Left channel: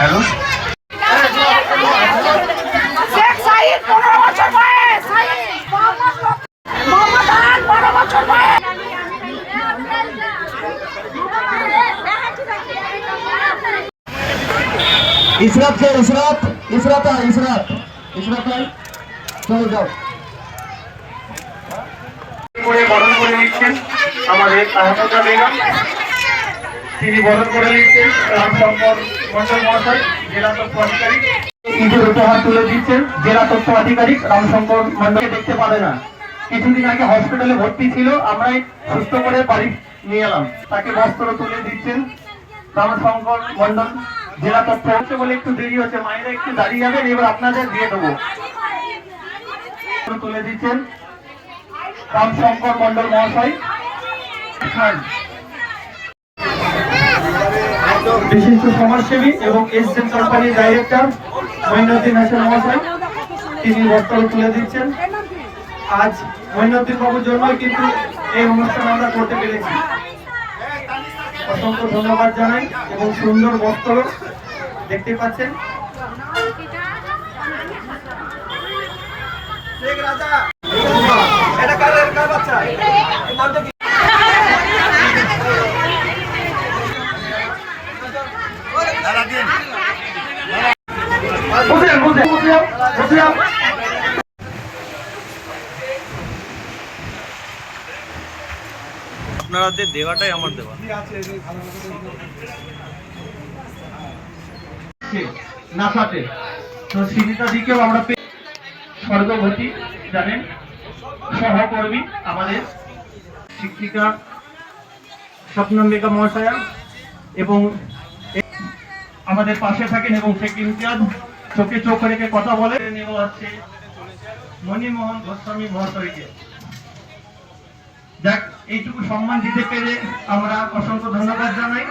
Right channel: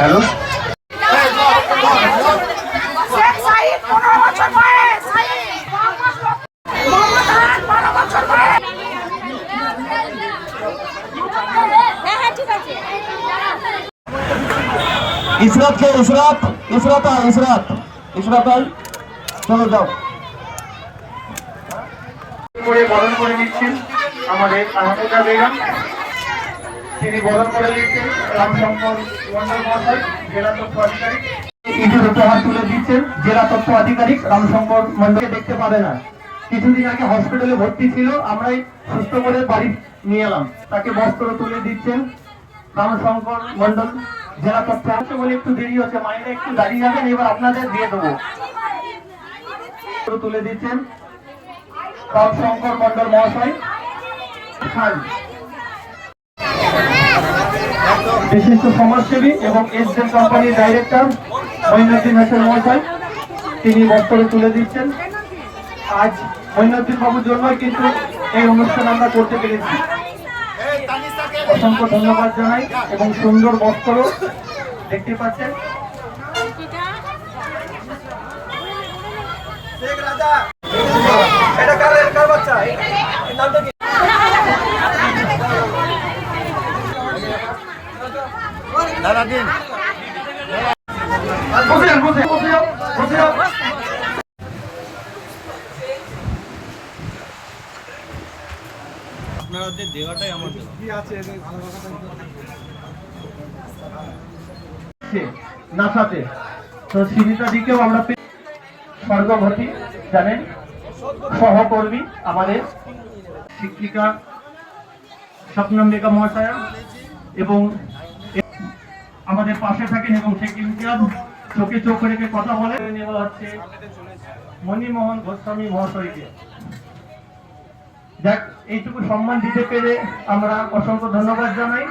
Hello, Israt কে ইসরাত ইসরাত আয় ইসরাত ইসরাত আয় চলো যাও করে বরণ করে নিচ্ছেন আমাদের আহত বেগম। তিনি বরণ করে নিচ্ছেন রাম সম্পদ মন্ডল মহাশয়, জেলা তথ্য আধিকারিক। ঈদের রূপে হাত তুলে দিচ্ছেন জেলা তথ্য আধিকারিক রাম সম্পদ মন্ডলকে দেখতে পাবে না, কিছুদিন আগে হসপিটালে ভর্তি ছিল, আমরাই সুস্থ করে বাড়ি নিয়ে এলাম। তাকে বস্ত্র তুলে দিচ্ছেন রাম সম্পদ মন্ডল জেলা তথ্য। বলে একটু দেরি হচ্ছে, মায়েরা একটু দাঁড়িয়ে যাবেন, এবার আপনাদের দিয়ে দেবো। তুলে দিচ্ছেন রাম শঙ্কর মন্ডল মহাশয়। বিশিষ্ট সমাজসেবী এবং এসডেন কোম্পানির ডাইরেক্টর মঈনুদ্দিন হাসান মহাশয়, তিনি বস্ত্র তুলে দিচ্ছেন। আজ মঈনুদ্দিন বাবুর জন্যই কিন্তু এই অনুষ্ঠান আমরা করতে পেরেছি। অসংখ্য ধন্যবাদ জানাই এবং সুন্দর বস্ত্র দেখতে পাচ্ছেন। আপনাদের দেওয়াটাই আমার দেওয়া। নাসাতে তো সিনিতা দিকেও আমরা স্বর্গবতী জানেন, সহকর্মী আমাদের শিক্ষিকা স্বপ্নম্বিকা মহাশয়া এবং আমাদের পাশে থাকেন এবং সেক্রেটারি চোখে চোখ রেখে কথা বলে নেওয়া হচ্ছে মণিমোহন গোস্বামী মহাশয়কে। যাক, এইটুকু সম্মান দিতে পেরে আমরা অসংখ্য ধন্যবাদ জানাই।